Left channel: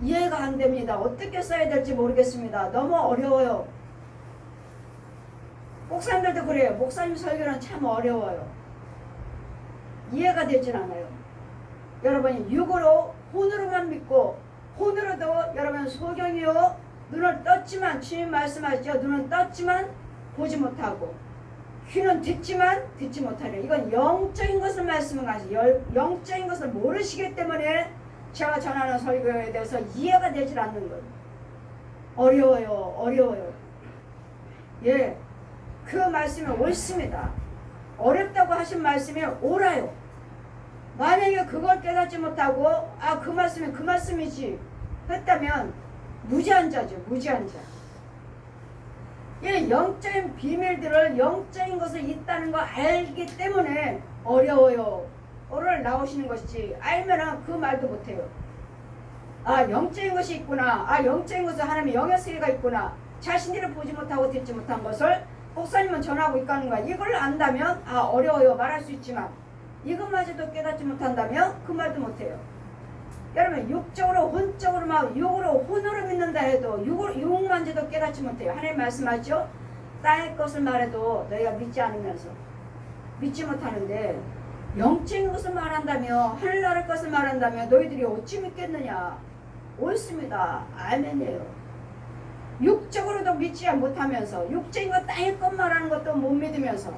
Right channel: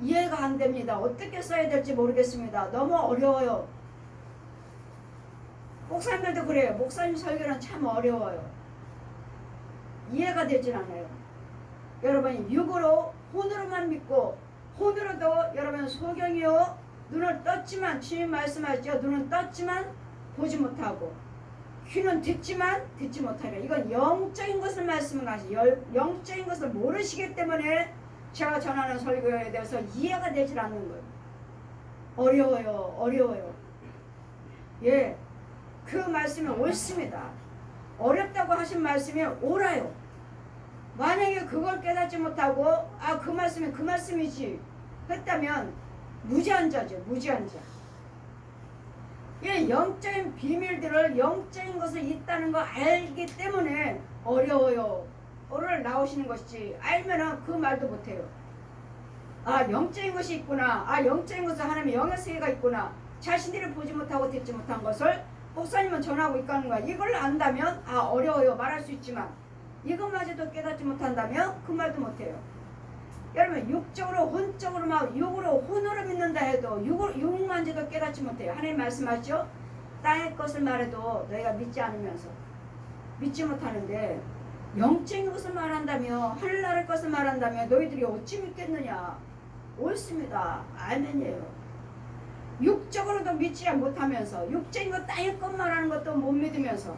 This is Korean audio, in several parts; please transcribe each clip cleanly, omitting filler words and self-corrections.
이해가 안 됩니다. 어떻게 써야 될지 모르겠습니다. 너무 어려워요. 목사님들도 그래요. 목사님 설교는 참 어려워요. 이해가 되진 않아요. 여러분이 육으로 혼으로만 믿고 혼으로도 여러분 소경이요 눈을 떴지만 주님 말씀하시죠. 눈은 떴지만 보지 못하고 귀는 듣지만 듣지 못하려. 이건 영적인 것을 말씀하시죠. 영적인 것을 모르시기 때문에 제가 전하는 설교에 대해서 이해가 되질 않는 거예요. 어려워요. 어려워요. 예, 그 말씀이 옳습니다. 어렵다고 하신 말씀이 옳아요. 만약에 그걸 깨닫지 못하고 그 말씀이 그 말씀이지 했다면 무지한 자죠. 무지한 자. 이 영적인 비밀들을 영적인 것을 있다는 거 알기 때문에 어려워요. 오늘 나오시는 것이지 알면은 그 말도 못해요. 영적인 것이 있구나. 영적인 것은 하나님의 영의 세계가 있구나. 자신들이 보지 못하고 듣지 못한 것을 목사님은 전하고 있다는 거야. 이걸 안다면 어려워요. 말할 수 있지만 이것마저도 깨닫지 못한다면 그 말도 못해요. 여러분 육적으로 혼적으로 막 육으로 혼으로 믿는다 해도 육만저도 깨닫지 못해요. 하나님 말씀하죠. 땅의 것을 말해도 너희가 믿지 않으면서 믿지 못하는데 영적인 것을 말한다며 하늘나라의 것을 말한다며 너희들이 어찌 믿겠느냐. 옳습니다. 아멘이에요. 육적으로도 믿지 못하면서 육적인 것 땅의 것 말하는 것도 못 믿으면서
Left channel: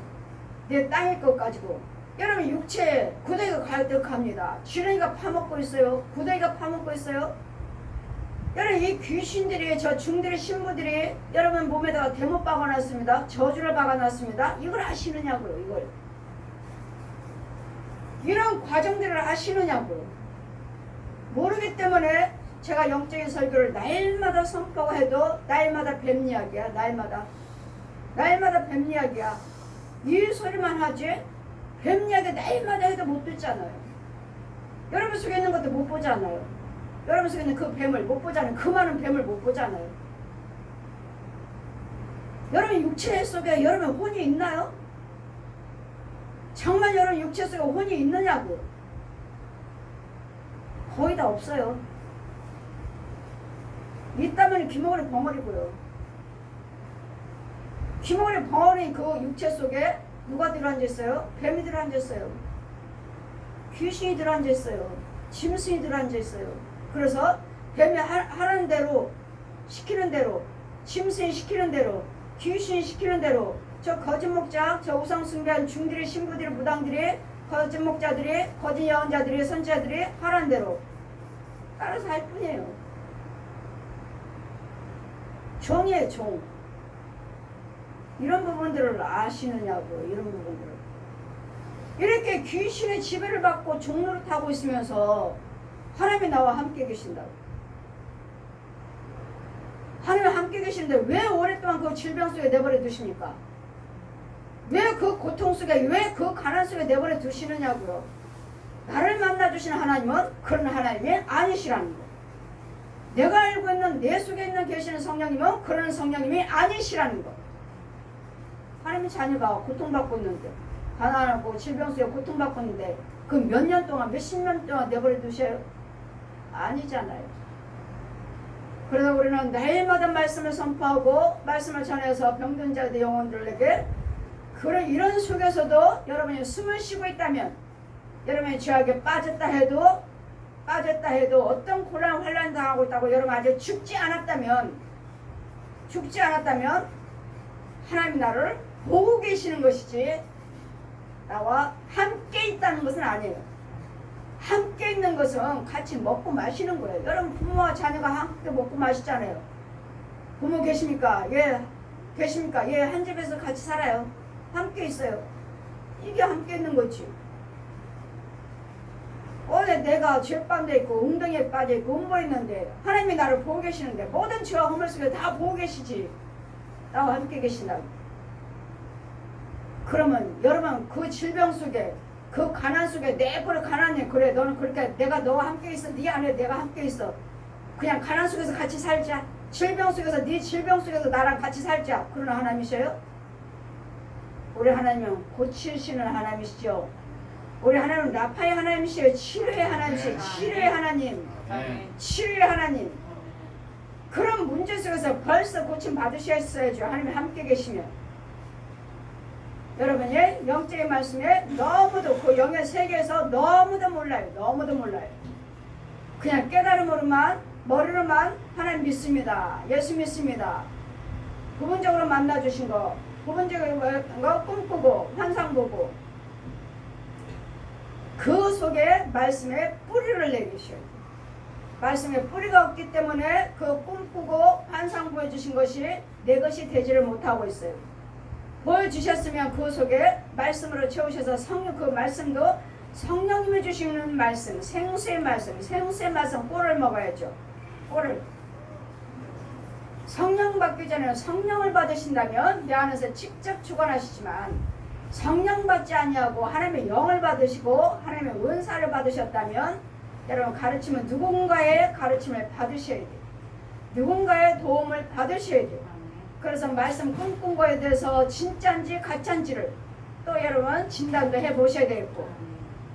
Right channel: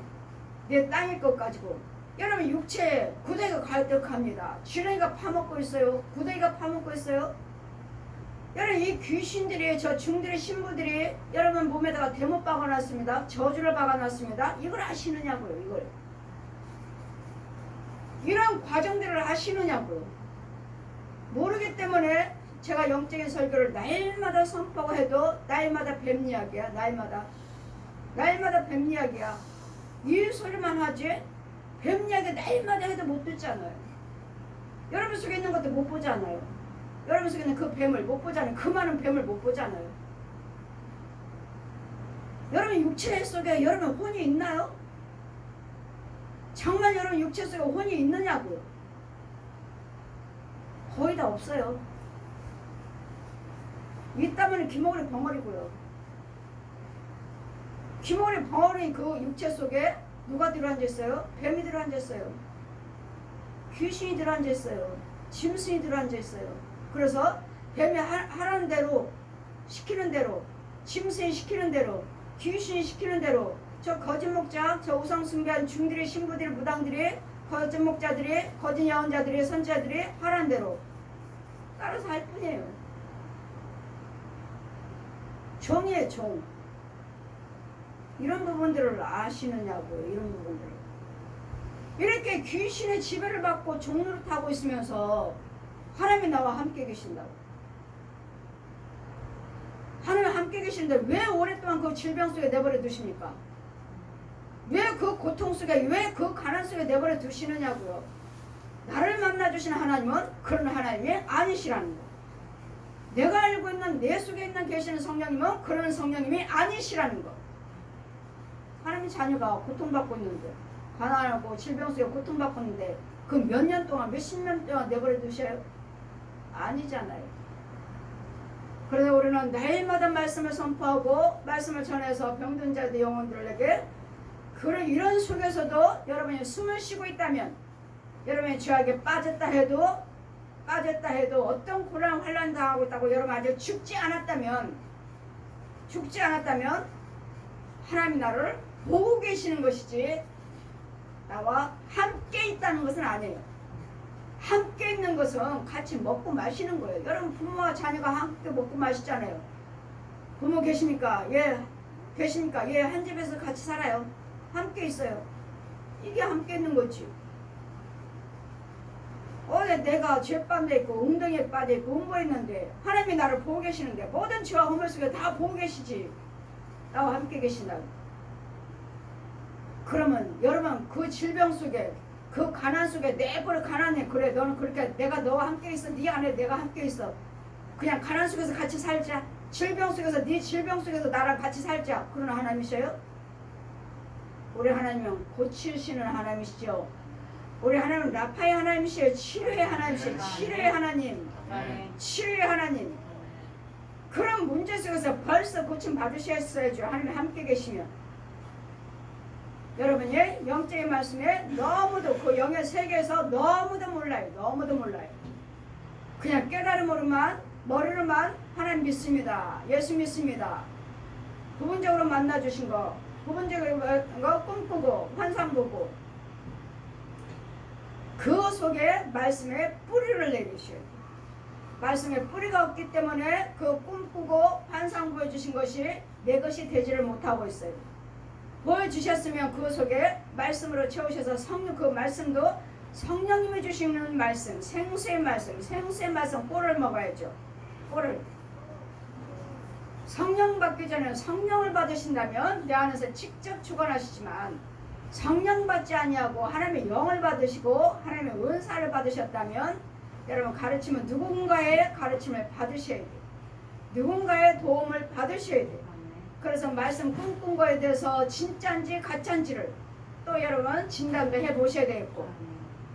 내 땅의 것 가지고 여러분 육체 구덩이가 가득합니다. 지렁이가 파먹고 있어요. 구덩이가 파먹고 있어요. 여러분 이 귀신들이 저 중들의 신부들이 여러분 몸에다가 대못 박아놨습니다. 저주를 박아놨습니다. 이걸 아시느냐고요. 이걸 이런 과정들을 아시느냐고요. 모르기 때문에 제가 영적인 설교를 날마다 선포가 해도 날마다 뱀 이야기야. 날마다 뱀 이야기야. 이 소리만 하지 뱀 이야기 날마다 해도 못 듣잖아요. 여러분 속에 있는 것도 못 보잖아요. 여러분 속에 있는 그 뱀을 못 보잖아요. 그 많은 뱀을 못 보잖아요. 여러분 육체 속에 여러분 혼이 있나요? 정말 여러분 육체 속에 혼이 있느냐고. 거의 다 없어요. 있다면 귀머거리 벙어리고요. 귀머거리 벙어리 그 육체 속에 누가 들어앉아있어요? 뱀이 들어앉아있어요. 귀신이 들어앉아있어요. 짐승이 들어앉아있어요. 그래서 뱀이 하라는 대로 시키는 대로 짐승이 시키는 대로 귀신이 시키는 대로 저 거짓 목자 저 우상 숭배한 중들의 신부들의 무당들이 거짓 목자들이 거짓 예언자들이 선지자들이 하라는 대로 따라서 할 뿐이에요. 종이에요. 종. 이런 부분들을 아시느냐고요. 이런 부분들을. 이렇게 귀신의 지배를 받고 종노릇하고 있으면서 하나님이 나와 함께 계신다고. 하나님이 함께 계시는데 왜 오랫동안 그 질병 속에 내버려 두십니까? 왜 그 고통 속에 왜 그 가난 속에 내버려 두시느냐고요. 나를 만나주신 하나님은 그런 하나님이 아니시라는 거. 내가 알고 있는 내 속에 있는 계시는 성령님은 그런 성령님이 아니시라는 거. 하나님의 자녀가 고통받고 있는데 가난하고 질병 속에 고통받고 있는데 그 몇 년 동안 몇십 년 동안 내버려 두셔요? 아니잖아요. 그래서 우리는 매일마다 말씀을 선포하고 말씀을 전해서 병든 자들의 영혼들에게 그런 이런 속에서도 여러분이 숨을 쉬고 있다면 여러분이 죄악에 빠졌다 해도 어떤 곤란 환난 당하고 있다고 여러분 아직 죽지 않았다면 하나님이 나를 보고 계시는 것이지 나와 함께 있다는 것은 아니에요. 함께 있는 것은 같이 먹고 마시는 거예요. 여러분 부모와 자녀가 함께 먹고 마시잖아요. 부모 계십니까? 예. 계십니까? 예. 한 집에서 같이 살아요. 함께 있어요. 이게 함께 있는 거지. 어제 내가 죄 빠져 있고 웅덩이에 빠져 있고 음보했는데 하나님이 나를 보고 계시는데 모든 죄와 허물 속에 다 보고 계시지. 나와 함께 계신다고. 그러면 여러분 그 질병 속에 그 가난 속에 내버려 가난해. 그래 너는 그렇게 내가 너와 함께 있어. 네 안에 내가 함께 있어. 그냥 가난 속에서 같이 살자. 질병 속에서 네 질병 속에서 나랑 같이 살자. 그런 하나님이셔요? 우리 하나님은 고치시는 하나님이시죠. 우리 하나님은 라파의 하나님이시에요. 치료의 하나님이시에요. 치료의 하나님. 치료의 하나님. 그런 문제 속에서 벌써 고침 받으셨어야죠. 하나님 함께 계시면. 여러분이 영적인 말씀에 너무도 그 영의 세계에서 너무도 몰라요. 너무도 몰라요. 그냥 깨달음으로만 머리로만 하나님 믿습니다. 예수 믿습니다. 부분적으로 만나주신 거, 부분적으로 거 꿈꾸고 환상 보고 그 속에 말씀에 뿌리를 내리셔야 돼요. 말씀에 뿌리가 없기 때문에 그 꿈꾸고 환상 보여주신 것이 내 것이 되지를 못하고 있어요. 보여주셨으면 그 속에 말씀으로 채우셔서 성령 그 말씀도 성령님이 주시는 말씀, 생수의 말씀 꿀을 먹어야죠. 꿀을. 성령 받기 전에 성령을 받으신다면 내 안에서 직접 주관하시지만 성령 받지 아니하고 하나님의 영을 받으시고 하나님의 은사를 받으셨다면 여러분 가르치면 누군가의 가르침을 받으셔야 돼요. 누군가의 도움을 받으셔야 돼요. 그래서 말씀 꿈꾼 거에 대해서 진짜인지 가짜인지를 또 여러분 진단도 해보셔야 되겠고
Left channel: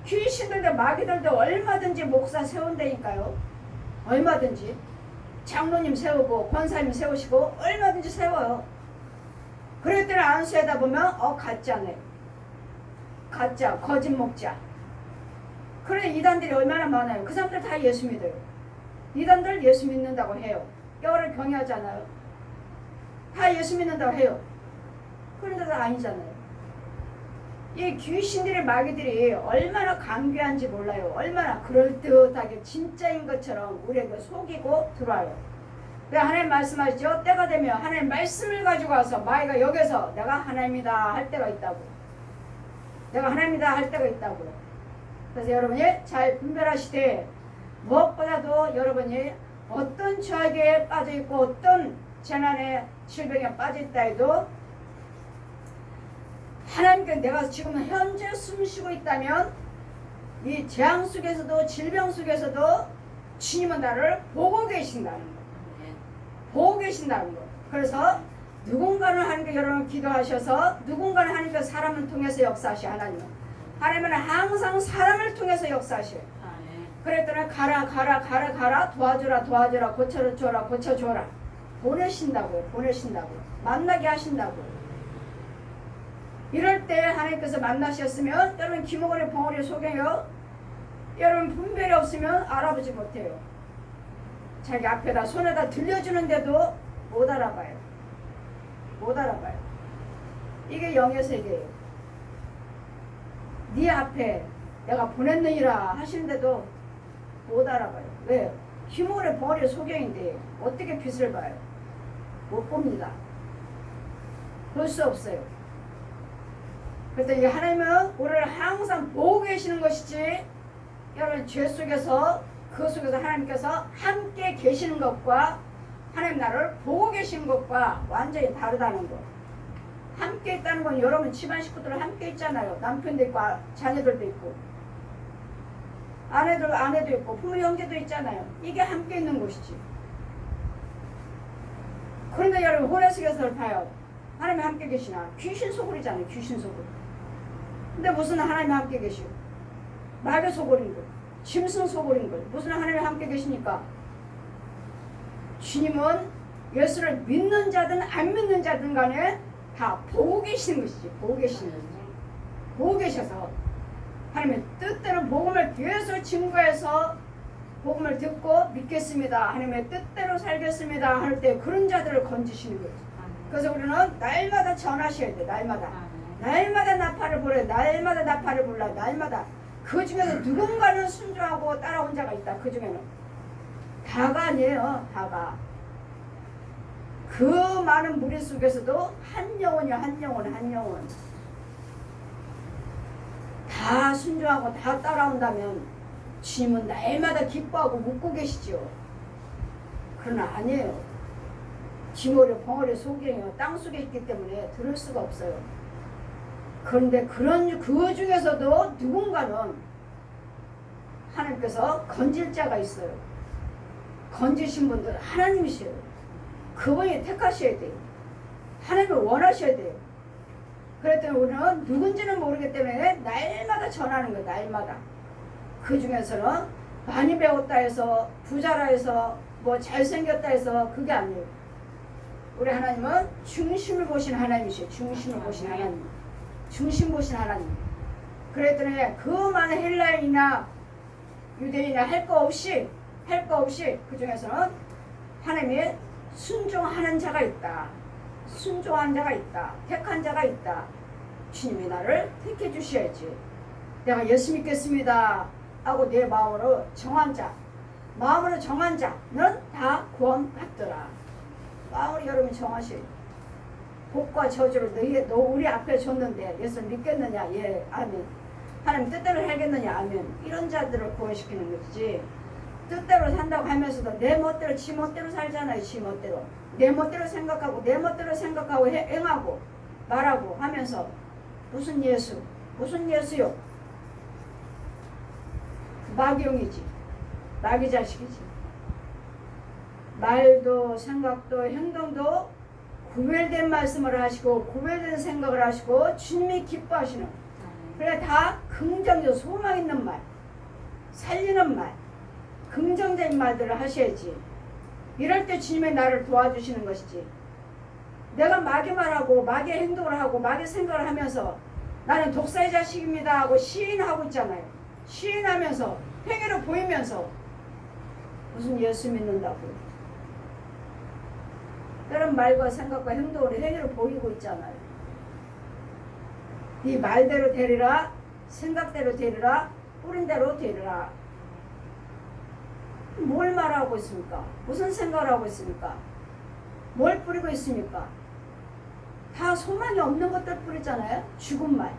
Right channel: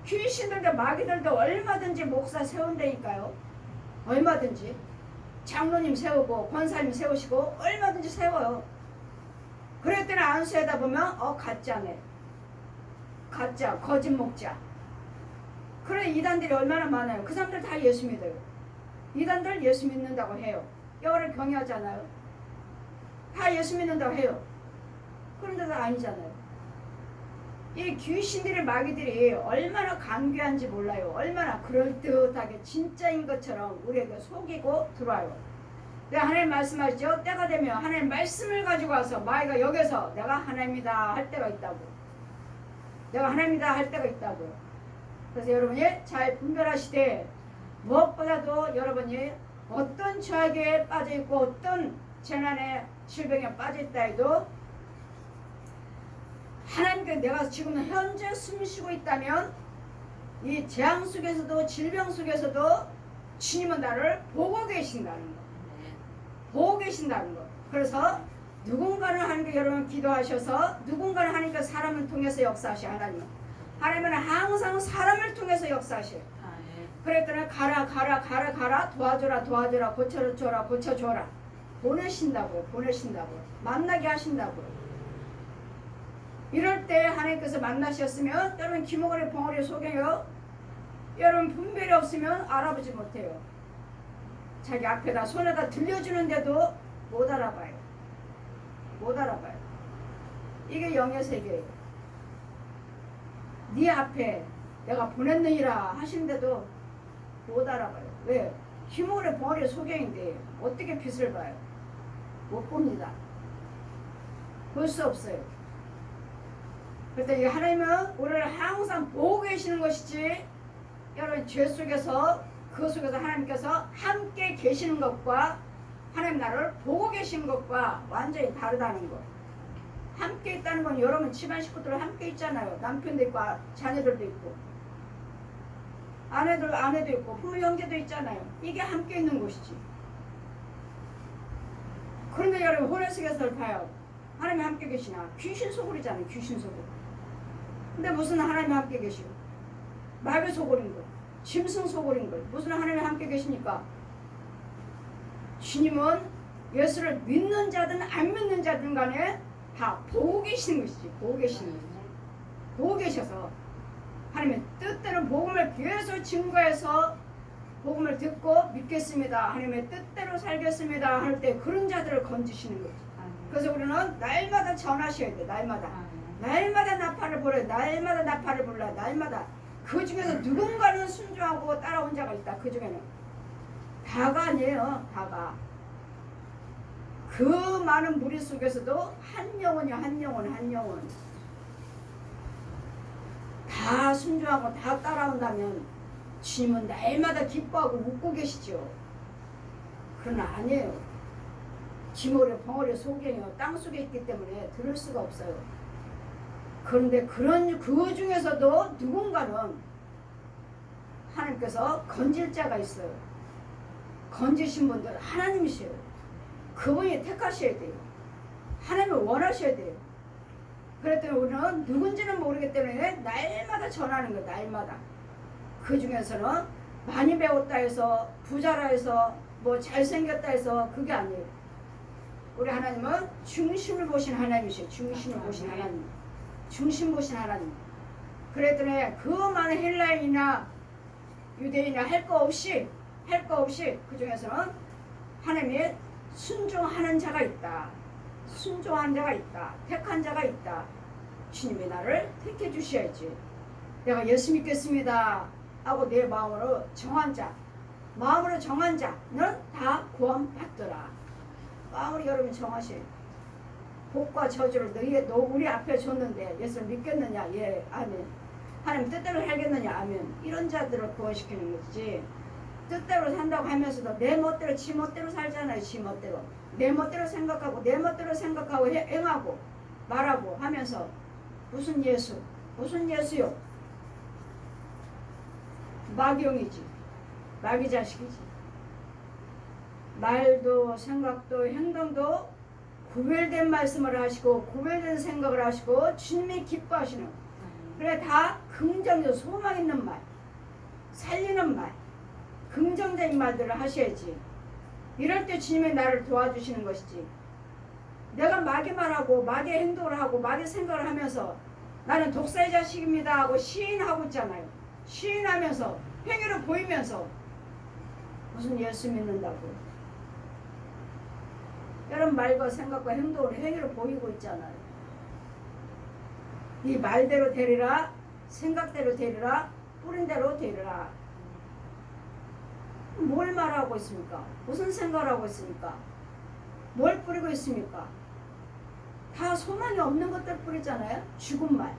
귀신들도 마귀들도 얼마든지 목사 세운다니까요. 얼마든지 장로님 세우고 권사님 세우시고 얼마든지 세워요. 그럴 때는 안 세다 보면 가짜네. 가짜 거짓 목자. 그런 이단들이 얼마나 많아요. 그 사람들 다 예수 믿어요. 이단들 예수 믿는다고 해요. 여호와를 경외하잖아요. 다 예수 믿는다고 해요. 그런데도 아니잖아요. 이 귀신들의 마귀들이 얼마나 강귀한지 몰라요. 얼마나 그럴듯하게 진짜인 것처럼 우리에게 속이고 들어와요. 하나님 말씀하시죠. 때가 되면 하나님 말씀을 가지고 와서 마귀가 여기서 내가 하나님이다 할 때가 있다고. 내가 하나님이다 할 때가 있다고. 그래서 여러분이 잘 분별하시되 무엇보다도 여러분이 어떤 죄악에 빠져있고 어떤 재난에 질병에 빠져있다 해도 하나님께 내가 지금 현재 숨쉬고 있다면 이 재앙 속에서도 질병 속에서도 주님은 나를 보고 계신다는 거. 보고 계신다는 거. 그래서 누군가는 하나님께 여러분 기도하셔서 누군가는 하나님께 사람을 통해서 역사하셔. 하나님은 항상 사람을 통해서 역사하셔요. 그랬더니 가라 도와줘라 고쳐줘라 보내신다고요. 만나게 하신다고요. 이럴 때 하나님께서 만나셨으면 여러분 기목원의 벙어리 속에요. 여러분 분별이 없으면 알아보지 못해요. 자기 앞에다 손에다 들려주는데도 못 알아봐요. 이게 영의 세계예요. 네 앞에 내가 보냈느니라 하시는데도 못 알아봐요. 왜요? 기목원의 벙어리 소경인데 어떻게 빛을 봐요? 못 봅니다. 볼 수 없어요. 그런데 하나님은 우리를 항상 보고 계시는 것이지 여러분 죄 속에서 그 속에서 하나님께서 함께 계시는 것과 하나님 나를 보고 계시는 것과 완전히 다르다는 거. 함께 있다는 건 여러분 집안 식구들 함께 있잖아요. 남편도 있고 자녀들도 있고 아내도 있고 부모 형제도 있잖아요. 이게 함께 있는 곳이지. 그런데 여러분 호레스게서를 봐요. 하나님이 함께 계시나? 귀신 소굴이잖아요. 귀신 소굴. 근데 무슨 하나님이 함께 계시오? 마귀 소굴인 걸, 짐승 소굴인 걸. 무슨 하나님이 함께 계시니까? 주님은 예수를 믿는 자든 안 믿는 자든 간에 다 보고 계시는 것이지. 보고 계셔서 하나님의 뜻대로 복음을 계속 증거해서 복음을 듣고 믿겠습니다. 하나님의 뜻대로 살겠습니다. 할 때 그런 자들을 건지시는 거죠. 그래서 우리는 날마다 전하셔야 돼. 날마다 나팔을 불어요. 날마다 나팔을 불러요. 날마다. 그 중에서 누군가는 순종하고 따라온 자가 있다. 그 중에는. 다가 아니에요. 다가. 그 많은 무리 속에서도 한 영혼이요. 한 영혼. 다 순종하고 다 따라온다면 주님은 날마다 기뻐하고 묻고 계시죠. 그러나 아니에요. 지모래 벙어리 소경이요. 땅 속에 있기 때문에 들을 수가 없어요. 그런데 그 중에서도 누군가는 하나님께서 건질 자가 있어요. 건지신 분들 하나님이세요. 그분이 택하셔야 돼요. 하나님을 원하셔야 돼요. 그랬더니 우리는 누군지는 모르기 때문에 날마다 전하는 거예요. 날마다. 그 중에서는 많이 배웠다 해서 부자라 해서 뭐 잘생겼다 해서 그게 아니에요. 우리 하나님은 중심을 보신 하나님이시에요. 중심을 보신 하나님. 중심 보신 하나님. 그랬더니 그 많은 헬라인이나 유대인이나 할 거 없이 그 중에서는 하나님이 순종하는 자가 있다. 순종한 자가 있다. 택한 자가 있다. 주님이 나를 택해 주셔야지. 내가 예수 믿겠습니다 하고 내 마음으로 정한 자는 다 구원받더라. 마음으로 여러분이 정하실. 복과 저주를 너 우리 앞에 줬는데 예수 믿겠느냐? 예, 아멘. 하나님 뜻대로 살겠느냐? 아멘. 이런 자들을 구원시키는 거지. 뜻대로 산다고 하면서도 내 멋대로 지 멋대로 살잖아요. 지 멋대로. 내 멋대로 생각하고 행하고 말하고 하면서 무슨 예수요? 마귀용이지. 마귀 자식이지. 말도 생각도 행동도 구별된 말씀을 하시고 구별된 생각을 하시고 주님이 기뻐하시는, 그래 다 긍정적 소망 있는 말, 살리는 말, 긍정적인 말들을 하셔야지. 이럴 때 주님이 나를 도와주시는 것이지. 내가 마귀 말하고 마귀 행동을 하고 마귀 생각을 하면서 나는 독사의 자식입니다 하고 시인하고 있잖아요. 시인하면서 행위로 보이면서 무슨 예수 믿는다고요. 다른 말과 생각과 행동으로 행위로 보이고 있잖아요. 네 말대로 되리라, 생각대로 되리라, 뿌린 대로 되리라. 뭘 말하고 있습니까? 무슨 생각을 하고 있습니까? 뭘 뿌리고 있습니까? 다 소망이 없는 것들 뿌리잖아요. 죽은 말,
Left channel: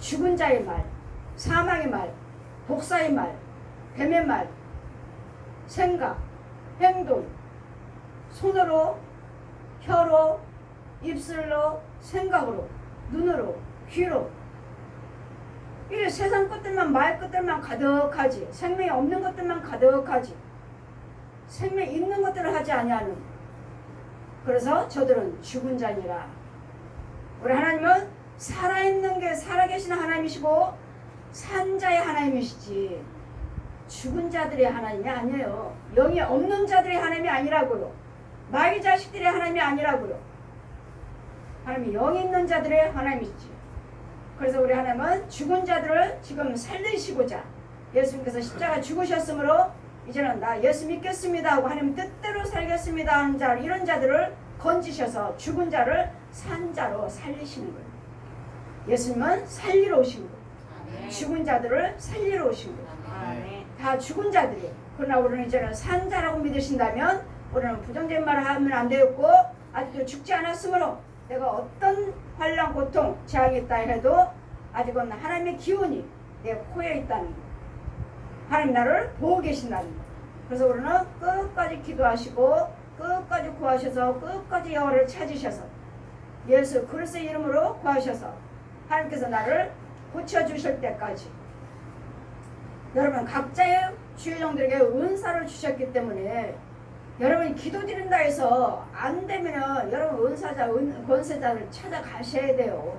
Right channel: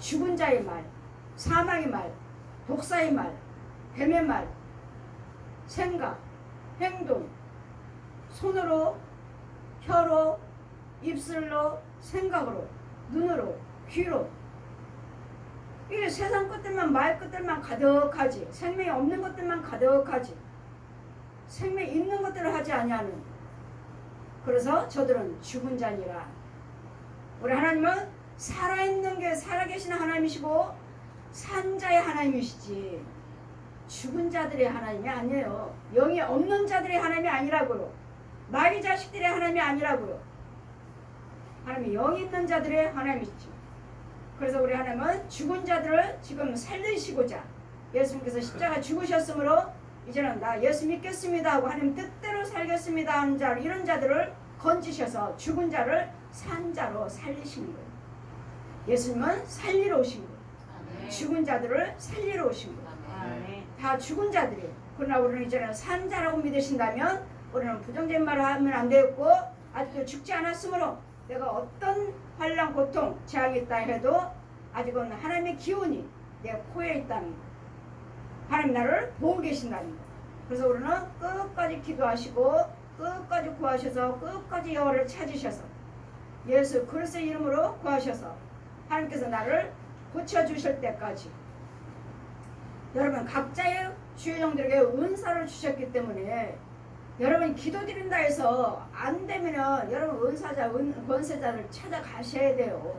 죽은 자의 말, 사망의 말, 독사의 말, 뱀의 말, 생각, 행동, 손으로, 혀로, 입술로, 생각으로, 눈으로, 귀로. 이게 세상 것들만, 말 것들만 가득하지. 생명이 없는 것들만 가득하지. 생명이 있는 것들을 하지 아니하는. 그래서 저들은 죽은 자니라. 우리 하나님은 살아있는 게 살아계신 하나님이시고 산자의 하나님이시지 죽은 자들의 하나님이 아니에요. 영이 없는 자들의 하나님이 아니라고요. 마귀 자식들의 하나님이 아니라고요. 하나님이 영이 있는 자들의 하나님이지. 그래서 우리 하나님은 죽은 자들을 지금 살리시고자 예수님께서 십자가 죽으셨으므로 이제는 나 예수 믿겠습니다 하고 하나님 뜻대로 살겠습니다 하는 자, 이런 자들을 건지셔서 죽은 자를 산 자로 살리시는 거예요. 예수님은 살리러 오신 거예요. 아멘. 죽은 자들을 살리러 오신 거예요. 아멘. 다 죽은 자들이에요. 그러나 우리는 이제는 산 자라고 믿으신다면 우리는 부정적인 말을 하면 안 되었고 아직도 죽지 않았으므로 내가 어떤 환난, 고통, 재앙이 있다 해도 아직은 하나님의 기운이 내 코에 있다는 거. 하나님 나를 보고 계신다는 거. 그래서 우리는 끝까지 기도하시고 끝까지 구하셔서 끝까지 여호와를 찾으셔서 예수 그리스도의 이름으로 구하셔서 하나님께서 나를 고쳐주실 때까지. 여러분 각자의 주의종들에게 은사를 주셨기 때문에 여러분이 기도드린다 해서 안 되면은 여러분 은사자, 권세자를 찾아가셔야 돼요.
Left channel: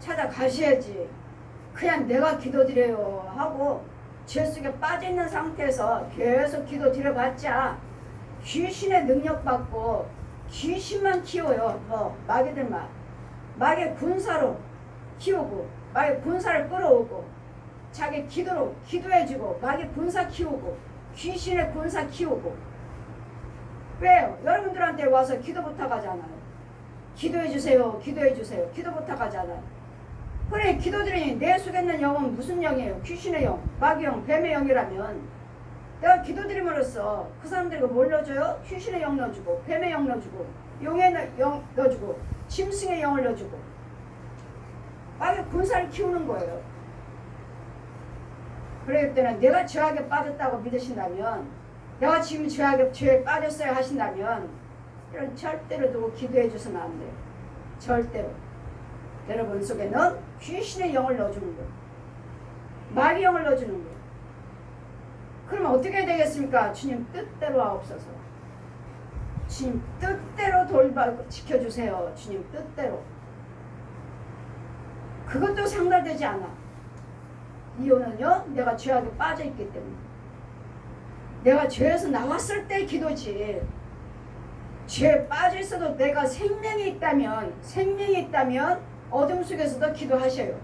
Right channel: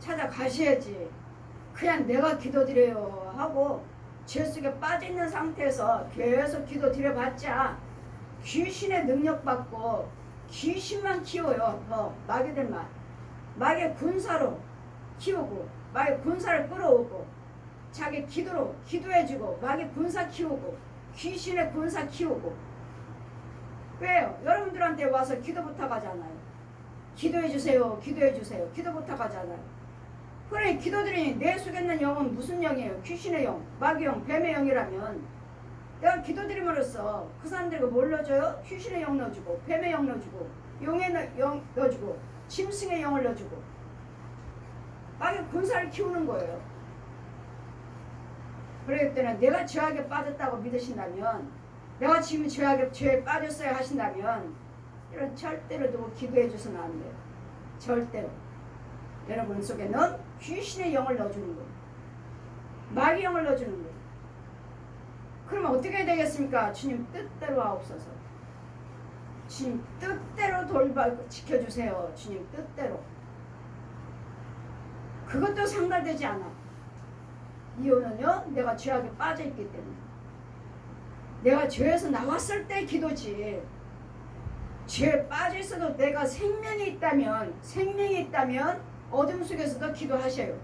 찾아가셔야지. 그냥 내가 기도드려요 하고 죄 속에 빠져있는 상태에서 계속 기도드려봤자 귀신의 능력 받고 귀신만 키워요. 마귀들만. 마귀 군사로 키우고 마귀 군사를 끌어오고 자기 기도로 기도해주고 마귀 군사 키우고 귀신의 군사 키우고. 왜요? 여러분들한테 와서 기도 부탁하잖아요. 기도해주세요. 기도해주세요. 기도 부탁하잖아요. 그래 기도드리니 내 속에 있는 영은 무슨 영이에요? 귀신의 영, 마귀 영, 뱀의 영이라면 내가 기도드림으로써 그 사람들에게 뭘 넣어줘요? 귀신의 영 넣어주고 뱀의 영 넣어주고 용의 영 넣어주고 짐승의 영을 넣어주고 마귀 군사를 키우는 거예요. 그렇기 때문에 내가 죄악에 빠졌다고 믿으신다면 내가 지금 죄에 빠졌어야 하신다면 이런 절대로 누구 기도해 줘서는 안 돼요. 절대로. 여러분 속에는 귀신의 영을 넣어주는 거예요. 마귀 영을 넣어주는 거예요. 그러면 어떻게 해야 되겠습니까? 주님 뜻대로 하옵소서. 주님 뜻대로 지켜주세요. 주님 뜻대로. 그것도 상달되지 않아. 이혼은요, 내가 죄악에 빠져있기 때문에. 내가 죄에서 나왔을 때 기도지. 죄에 빠져있어도 내가 생명이 있다면 어둠 속에서도 기도하셔요.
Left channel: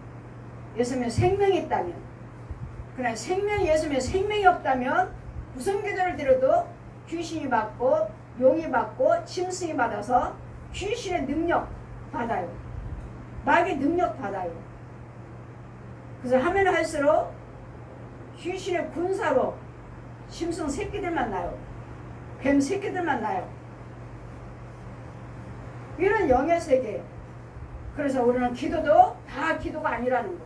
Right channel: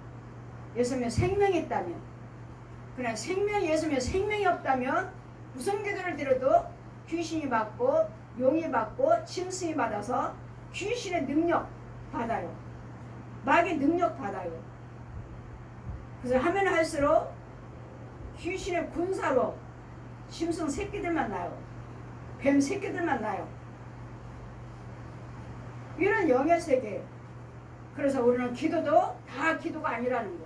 예수님의 생명이 있다면. 그러나 예수님의 생명이 없다면 무슨 기도를 드려도 귀신이 받고 용이 받고 짐승이 받아서 귀신의 능력 받아요. 마귀의 능력 받아요. 그래서 하면 할수록 귀신의 군사로 짐승 새끼들만 나요. 뱀 새끼들만 나요. 이런 영의 세계. 그래서 우리는 기도도 다 기도가 아니라는 거.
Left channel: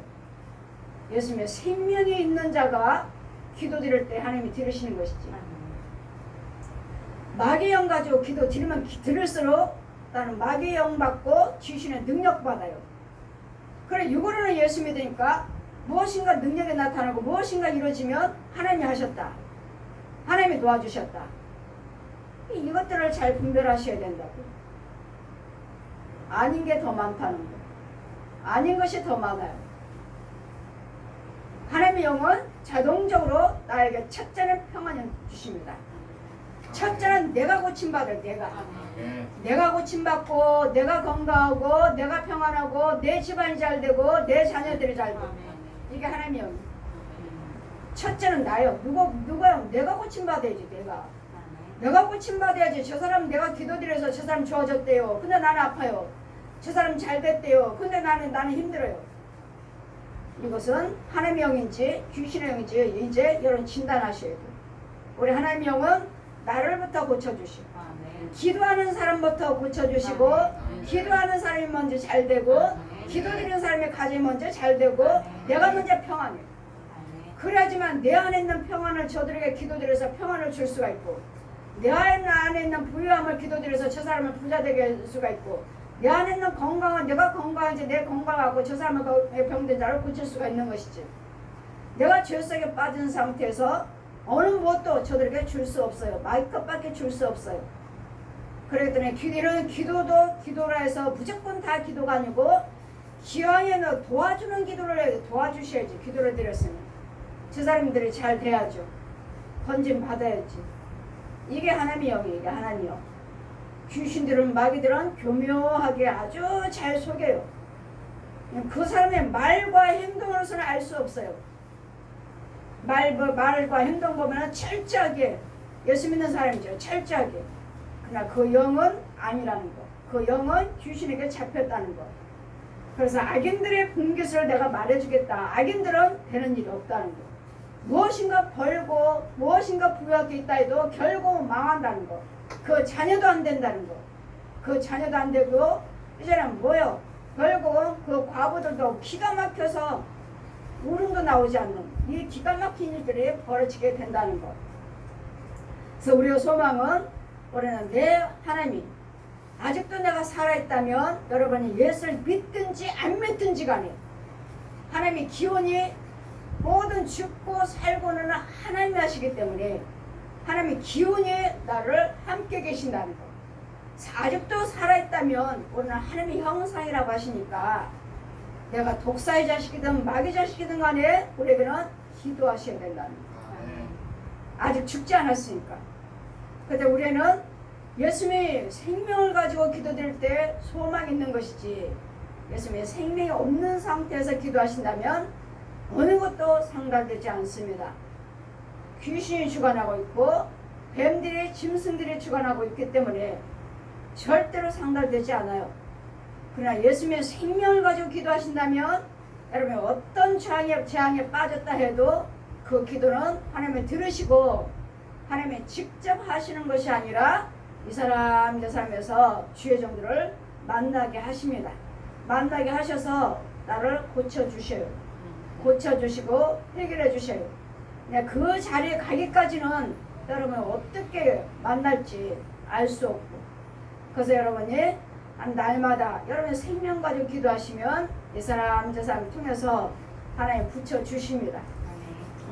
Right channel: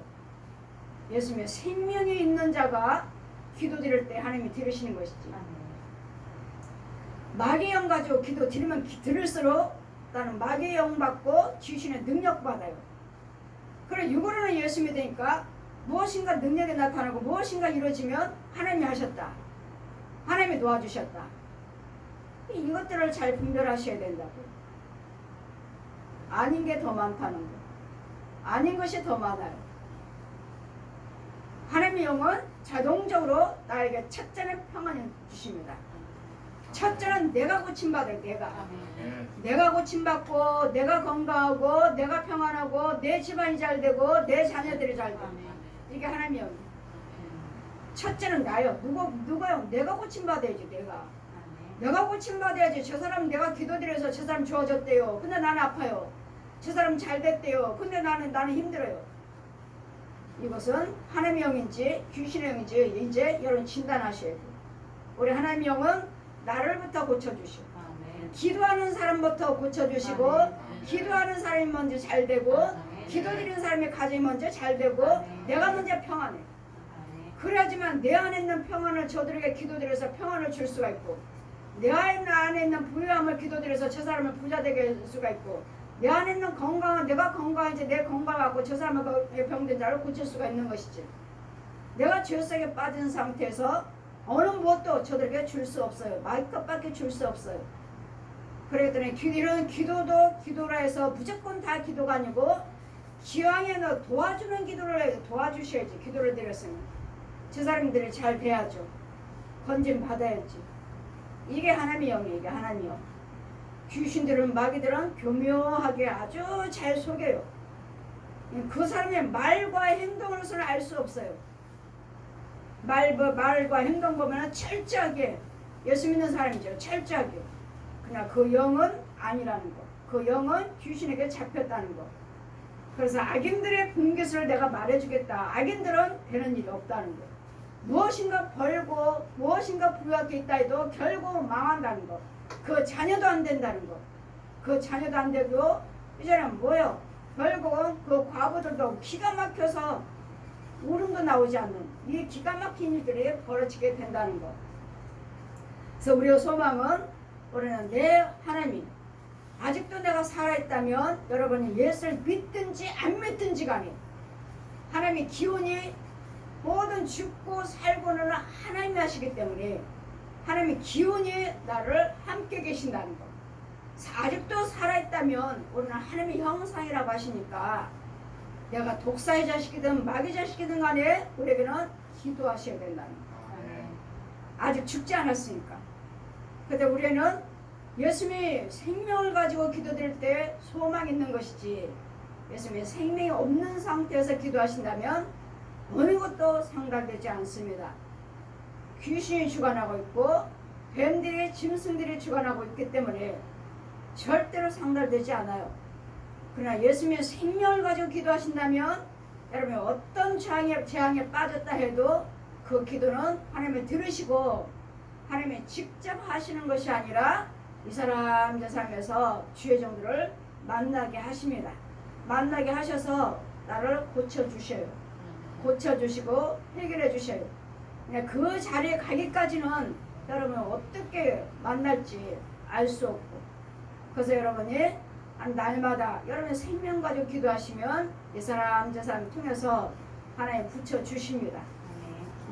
예수님의 생명이 있는 자가 기도 드릴 때 하나님이 들으시는 것이지. 마귀의 영 가지고 기도 드리면 들을수록 나는 마귀의 영 받고 귀신의 능력 받아요. 그래 육으로는 예수 믿으니까 무엇인가 능력이 나타나고 무엇인가 이루어지면 하나님이 하셨다. 하나님이 도와주셨다. 이것들을 잘 분별하셔야 된다고. 아닌 게 더 많다는 거. 아닌 것이 더 많아요. 하나님의 영은 자동적으로 나에게 첫째는 평안을 주십니다. 첫째는 내가 고침받을 내가 고침받고 내가 건강하고 내가 평안하고 내 집안이 잘 되고 내 자녀들이 잘 되고 이게 하나님의 영이에요. 첫째는 나요. 누가요? 내가 고침받아야지. 내가 고침받아야지. 저 사람 내가 기도드려서 저 사람 좋아졌대요. 근데 나는 아파요. 저 사람 잘 됐대요. 근데 나는 힘들어요. 이것은 하나님의 영인지 귀신의 영인지 이제 여러분 진단하셔야 돼요. 우리 하나님의 영은 나를부터 고쳐주시고 기도하는 사람부터 고쳐주시고 기도하는 사람이 먼저 잘 되고 기도드리는 사람의 가정이 먼저 잘 되고 내가 먼저 평안해. 그래야지만 내 안에 있는 평안을 저들에게 기도드려서 평안을 줄 수가 있고 내 안에 있는 부유함을 기도드려서 저 사람을 부자 되게 할 수가 있고 내 안에 있는 건강은 내가 건강한지 내 건강하고 저 사람은 병든 자를 고칠 수가 있는 것이지. 내가 죄 속에 빠진 상태에서 어느 무엇도 저들에게 줄 수 없어요. 마이크밖에 줄 수 없어요. 그랬더니 기도도 기도라 해서 무조건 다 기도가 아니고 기왕에는 도와주는 기도를 도와주셔야지. 기도를 드렸으면 저 사람들이 잘 돼야죠. 건진 받아야지. 이게 하나님의 영이에요. 이게 하나님의 영. 귀신들은 마귀들은 교묘하게 아주 잘 속여요. 그 사람의 말과 행동으로서는 알 수 없어요. 말과 행동 보면 철저하게 예수 믿는 사람이죠. 철저하게. 그러나 그 영은 아니라는 거. 그 영은 귀신에게 잡혔다는 거. 그래서 악인들의 공깃을 내가 말해주겠다. 악인들은 되는 일이 없다는 거. 무엇인가 벌고 무엇인가 부유하게 있다 해도 결국 망한다는 거. 그 자녀도 안 된다는 거. 그 자녀도 안 되고 이제는 뭐요? 결국은 그 과부들도 기가 막혀서 울음도 나오지 않는 이 기가 막힌 일들이 벌어지게 된다는 거. 그래서 우리의 소망은 우리는 내 하나님 아직도 내가 살아있다면 여러분이 예수를 믿든지 안 믿든지 간에 하나님의 기원이 모든 죽고 살고는 하나님이 하시기 때문에 하나님의 기운이 나를 함께 계신다는 것. 아직도 살아있다면 우리는 하나님의 형상이라고 하시니까 내가 독사의 자식이든 마귀 자식이든 간에 우리에게는 기도하셔야 된다는 것. 아직 죽지 않았으니까. 그런데 우리는 예수님이 생명을 가지고 기도드릴 때 소망이 있는 것이지 예수님의 생명이 없는 상태에서 기도하신다면 어느 것도 상달되지 않습니다. 귀신이 주관하고 있고 뱀들이 짐승들이 주관하고 있기 때문에 절대로 상달되지 않아요. 그러나 예수님의 생명을 가지고 기도하신다면 여러분 어떤 재앙에 빠졌다 해도 그 기도는 하나님이 들으시고 하나님이 직접 하시는 것이 아니라 이 사람 저 사람에서 주의 종들을 만나게 하십니다. 만나게 하셔서 나를 고쳐주셔요. 고쳐주시고 해결해 주셔요. 그 자리에 가기까지는 여러분 어떻게 만날지 알 수 없고 그래서 여러분이 날마다 여러분의 생명 가지고 기도하시면 이 사람 저 사람 통해서 하나님 붙여주십니다.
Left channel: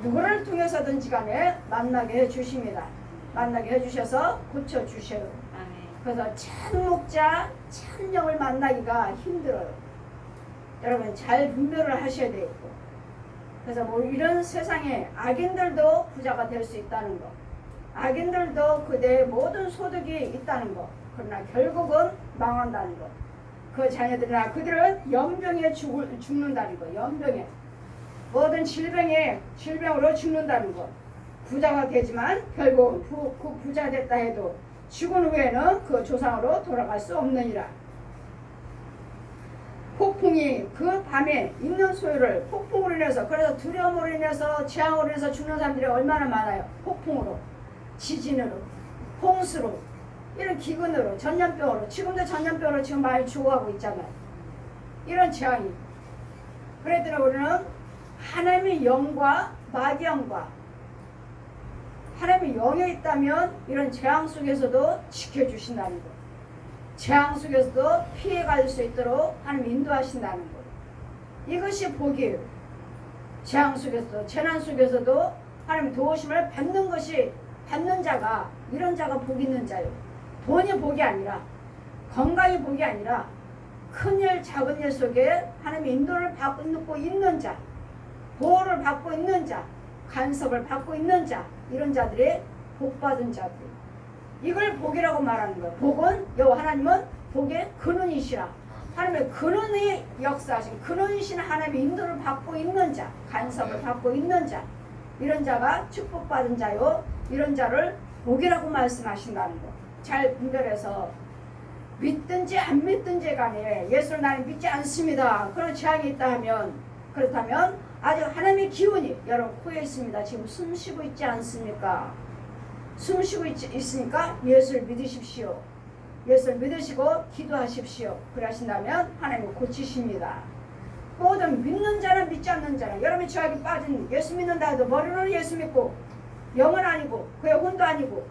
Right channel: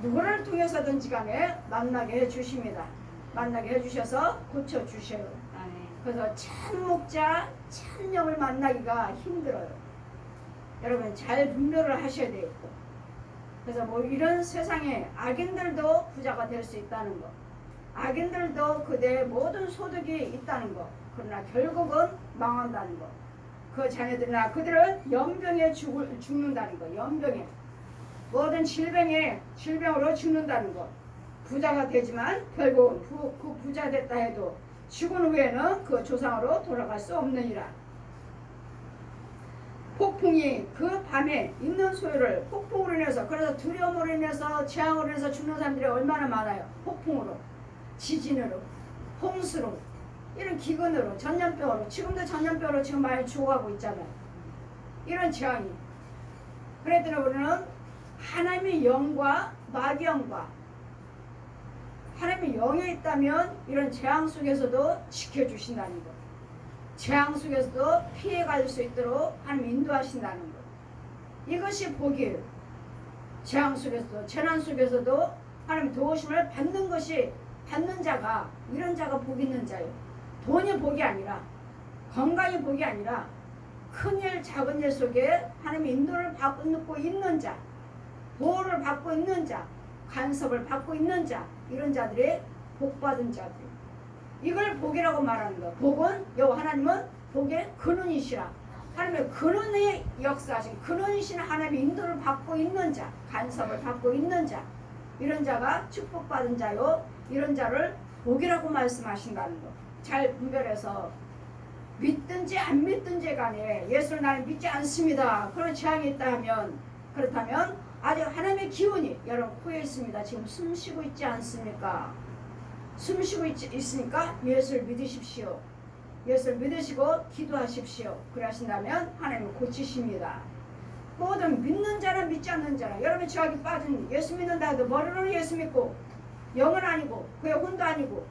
누구를 통해서든지 간에 만나게 해주십니다. 만나게 해주셔서 고쳐주셔요. 그래서 참 목자, 참 영을 만나기가 힘들어요. 여러분 잘 분별을 하셔야 되겠고, 그래서 뭐 이런 세상에 악인들도 부자가 될 수 있다는 거, 악인들도 그대의 모든 소득이 있다는 거, 그러나 결국은 망한다는 거, 그 자녀들이나 그들은 연병에 죽는다는 거, 연병에 모든 질병으로 죽는다는 거. 부자가 되지만 결국 그 부자 됐다 해도 죽은 후에는 그 조상으로 돌아갈 수 없느니라. 폭풍이 그 밤에 있는 소유를 폭풍으로 인해서, 그래서 두려움으로 인해서 재앙으로 인해서 죽는 사람들이 얼마나 많아요. 폭풍으로, 지진으로, 홍수로, 이런 기근으로, 전염병으로, 지금도 전염병으로 지금 많이 죽어가고 있잖아요. 이런 재앙이. 그랬더니 우리는 하나님의 영과 마귀영과 하나님의 영에 있다면 이런 재앙 속에서도 지켜주신다는 것, 재앙 속에서도 피해갈 수 있도록 하나님 인도하신다는 것, 이것이 복이에요. 재앙 속에서도, 재난 속에서도 하나님 도우심을 받는 것이, 받는 자가, 이런 자가 복 있는 자예요. 돈이 복이 아니라, 건강이 복이 아니라 큰일 작은 일 속에 하나님의 인도를 받고 있는 자, 보호를 받고 있는 자, 간섭을 받고 있는 자, 이런 자들이 복받은 자들, 이걸 복이라고 말하는 거예요. 복은 여호와 하나님은 복의 근원이시라. 하나님의 근원의 역사하신 근원이신 하나님의 인도를 받고 있는 자, 간섭을 받고 있는 자, 이런 자가 축복받은 자요, 이런 자를 복이라고 말씀하신다는 거. 잘 분별해서 믿든지 안 믿든지 간에 예수를 나는 믿지 않습니다, 그런 재앙이 있다 하면, 그렇다면 아주 하나님의 기운이 여러분 코에 있습니다. 지금 숨 쉬고 있지 않습니까? 숨 쉬고 있으니까 예수를 믿으십시오. 예수를 믿으시고 기도하십시오. 그러신다면 하나님은 고치십니다. 모든 믿는 자는 믿지 않는 자는, 여러분이 죄악에 빠진, 예수 믿는다 해도 머리로는 예수 믿고 영은 아니고 그의 혼도 아니고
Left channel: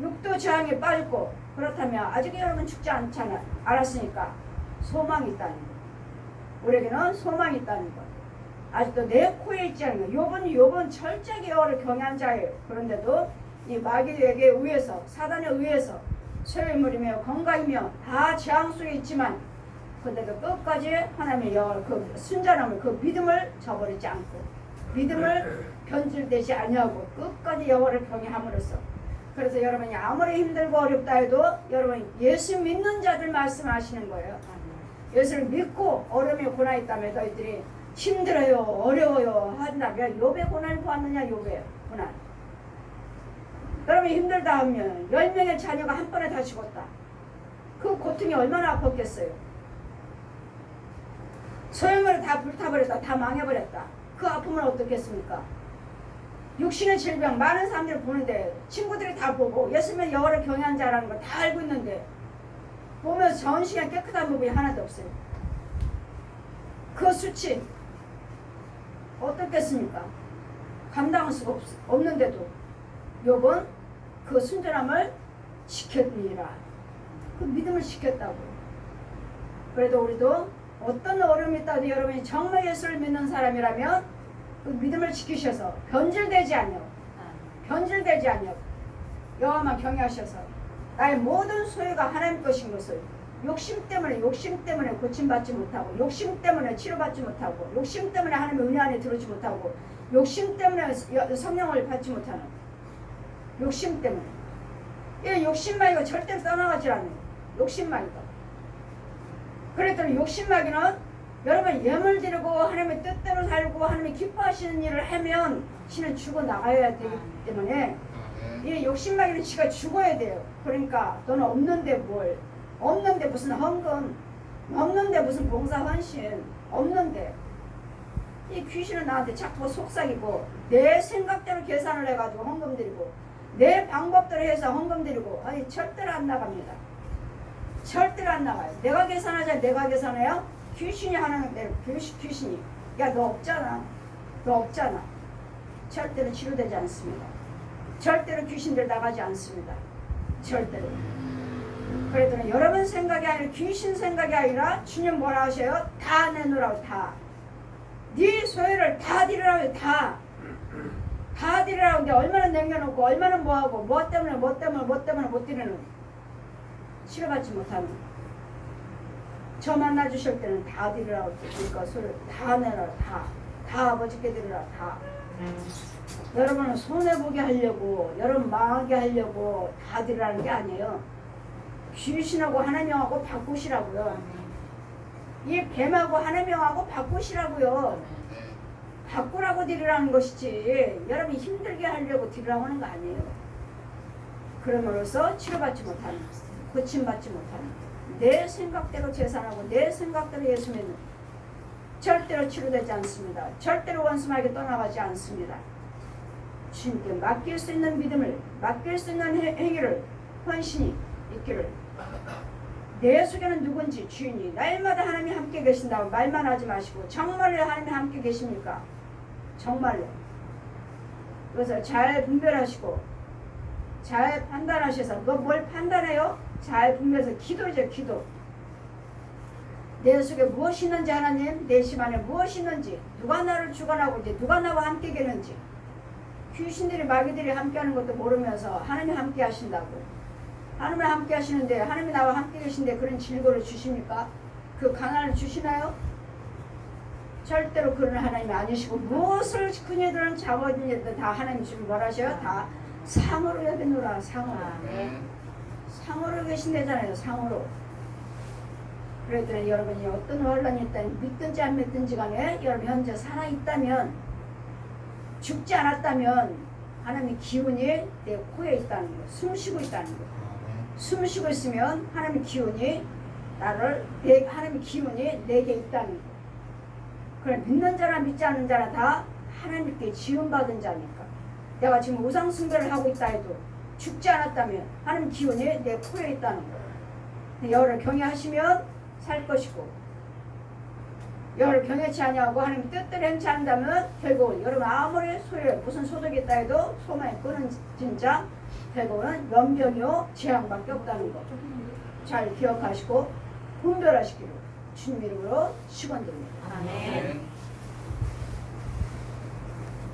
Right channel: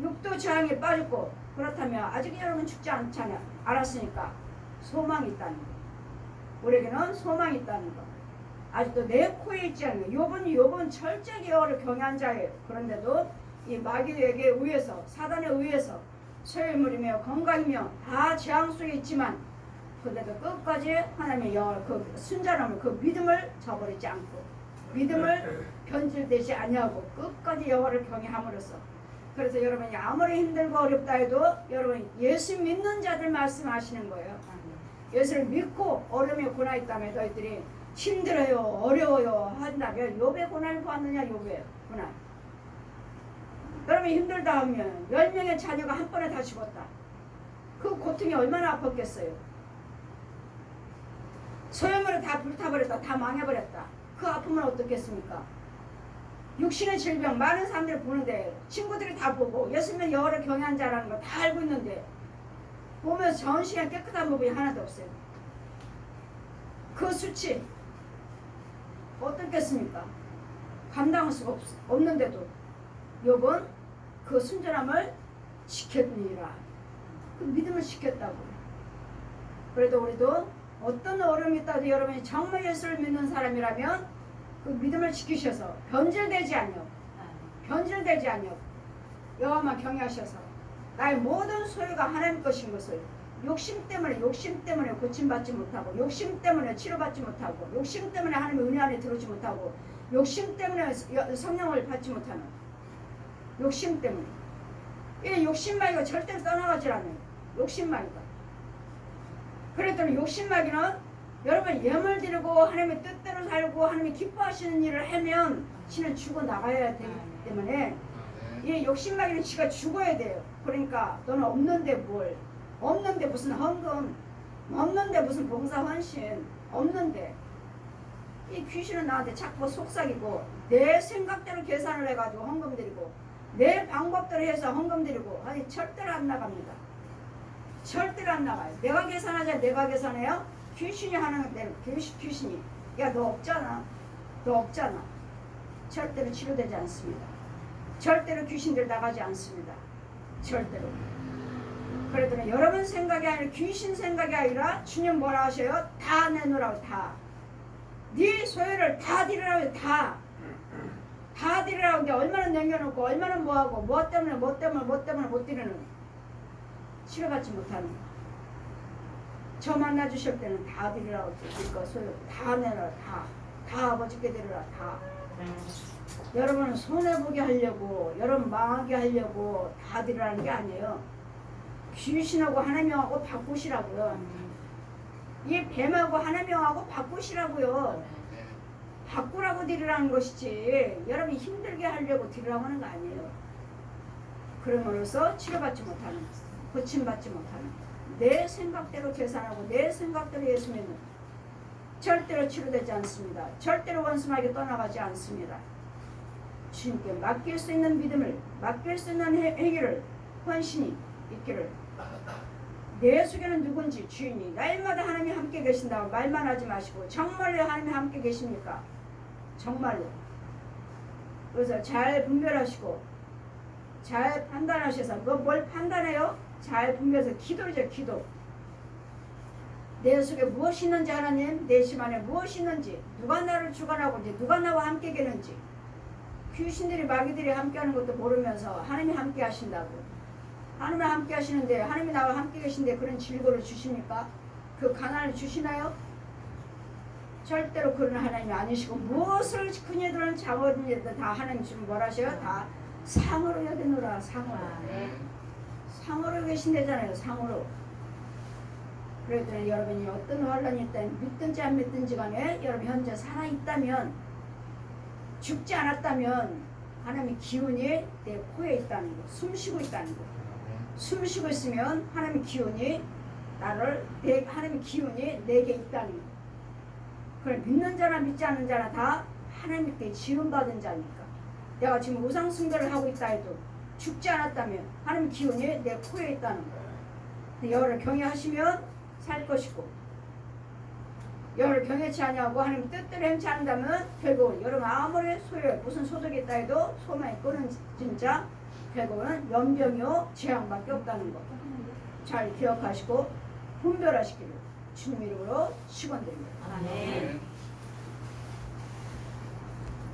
육도 죄악에 빠졌고, 그렇다면 아직 여러분 죽지 않잖아. 알았으니까 소망이 있다는 거, 우리에게는 소망이 있다는 거. 아직도 내 코에 있지 않는 거. 욥은 철저하게 여호와를 경외한 자예요. 그런데도 이 마귀에게 의해서, 사단에 의해서 소유물이며 건강이며 다 재앙 속에 있지만, 그런데도 끝까지 하나님의 여호와 그 순전함을, 그 믿음을 저버리지 않고, 믿음을 변질되지 아니하고 끝까지 여호와를 경외함으로써, 그래서 여러분이 아무리 힘들고 어렵다 해도 여러분 예수 믿는 자들 말씀하시는 거예요. 예수를 믿고 어려움에 고난이 있다면 너희들이 힘들어요, 어려워요 한다면 욥의 고난을 보았느냐. 욥의 고난, 여러분이 힘들다 하면 10명의 자녀가 한 번에 다 죽었다. 그 고통이 얼마나 아팠겠어요. 소유물을 다 불타버렸다, 다 망해버렸다. 그 아픔은 어떻겠습니까? 육신의 질병 많은 사람들이 보는데, 친구들이 다 보고 예수면 여호와를 경외한 자라는 걸 다 알고 있는데, 보면서 전시간 깨끗한 부분이 하나도 없어요. 그 수치 어떻겠습니까? 감당할 수가 없는데도 욥은 그 순전함을 지켰니라. 그 믿음을 지켰다고. 그래도 우리도 어떤 어려움이 있다도 여러분이 정말 예수를 믿는 사람이라면 그 믿음을 지키셔서 변질되지 아니요 여호와만 경외하셔서 나의 모든 소유가 하나님 것인 것을, 욕심 때문에 고침받지 못하고, 욕심 때문에 치료받지 못하고, 욕심 때문에 하나님의 은혜 안에 들어오지 못하고, 욕심 때문에 성령을 받지 못하는, 욕심 때문에, 이 욕심마귀가 절대로 떠나가지 않는 욕심마귀가. 그랬더니 욕심마귀는 여러분 예물 드리고 하나님의 뜻대로 살고 하나님이 기뻐하시는 일을 하면 신은 죽어나가야 되기 때문에 이 욕심마귀는 지가 죽어야 돼요. 그러니까 너는 없는데 뭘, 없는데 무슨 헌금, 없는데 무슨 봉사 헌신, 없는데. 이 귀신은 나한테 자꾸 속삭이고 내 생각대로 계산을 해가지고 헌금 드리고 내 방법대로 해서 헌금 드리고, 아니 절대로 안 나갑니다. 절대로 안 나가요. 내가 계산하자, 내가 계산해요. 귀신이 하는 대로, 귀신이 야 너 없잖아, 너 없잖아. 절대로 치료되지 않습니다. 절대로 귀신들 나가지 않습니다. 절대로. 그랬더니 여러분 생각이 아니라, 귀신 생각이 아니라 주님 뭐라 하셔요? 다 내놓으라고. 다. 네 소유를 다 드리라고. 다 드리라고. 근데 얼마나 남겨놓고 얼마나 뭐하고 뭐 때문에 못 드리는, 치료받지 못하는. 저 만나 주실 때는 다 드리라고 그러니까 다 내라 다 아버지께 드리라 다. 여러분은 손해보게 하려고 여러분 망하게 하려고 다 드리라는 게 아니에요. 귀신하고 하나님하고 바꾸시라고요. 이 뱀하고 하나님하고 바꾸시라고요. 바꾸라고 드리라는 것이지 여러분이 힘들게 하려고 드리라고 하는 거 아니에요. 그럼으로써 치료받지 못하는 고침받지 못하는 내 생각대로 계산하고 내 생각대로 예수 믿는 절대로 치료되지 않습니다. 절대로 원수마에게 떠나가지 않습니다. 주님께 맡길 수 있는 믿음을 맡길 수 있는 행위를 헌신이 있기를. 내 속에는 누군지 주인이 날마다 하나님이 함께 계신다고 말만 하지 마시고 정말로 하나님이 함께 계십니까? 정말로. 그래서 잘 분별하시고 잘 판단하셔서 그거 뭘 판단해요? 잘 분별해서 기도죠. 기도. 내 속에 무엇이 있는지 하나님, 내 심 안에 무엇이 있는지, 누가 나를 주관하고 있는지, 누가 나와 함께 계는지. 귀신들이 마귀들이 함께하는 것도 모르면서 하나님이 함께 하신다고. 하나님이 함께 하시는데 하나님이 나와 함께 계신데 그런 질고를 주십니까? 그 가난을 주시나요? 절대로 그런 하나님이 아니시고 무엇을 그녀들은 작업이든 다 하나님 주면 뭐라 하셔요? 다 상으로 여기노라. 상으로. 상으로 계신다잖아요. 상으로. 그랬더니 여러분이 어떤 환란이 있다면 믿든지 안 믿든지 간에 여러분 현재 살아있다면 죽지 않았다면 하나님의 기운이 내 코에 있다는 거, 숨쉬고 있다는 거. 숨쉬고 있으면 하나님의 기운이 하나님의 기운이 내게 있다는 거. 그래 믿는 자나 믿지 않는 자나 다 하나님께 지원받은 자니까. 내가 지금 우상 숭배를 하고 있다 해도 죽지 않았다면 하나님 기운이 내 코에 있다는 거. 여를 경외하시면 살 것이고 여를 경외치 아니하고 하나님 뜻대로 행치 않는다면 결국은 여러분 아무리 무슨 소득이 있다 해도 소망이 끊어진 자 결국은 연병이요 재앙밖에 없다는 거. 잘 기억하시고 분별하시기를 주님 이름으로 축원드립니다. 아멘.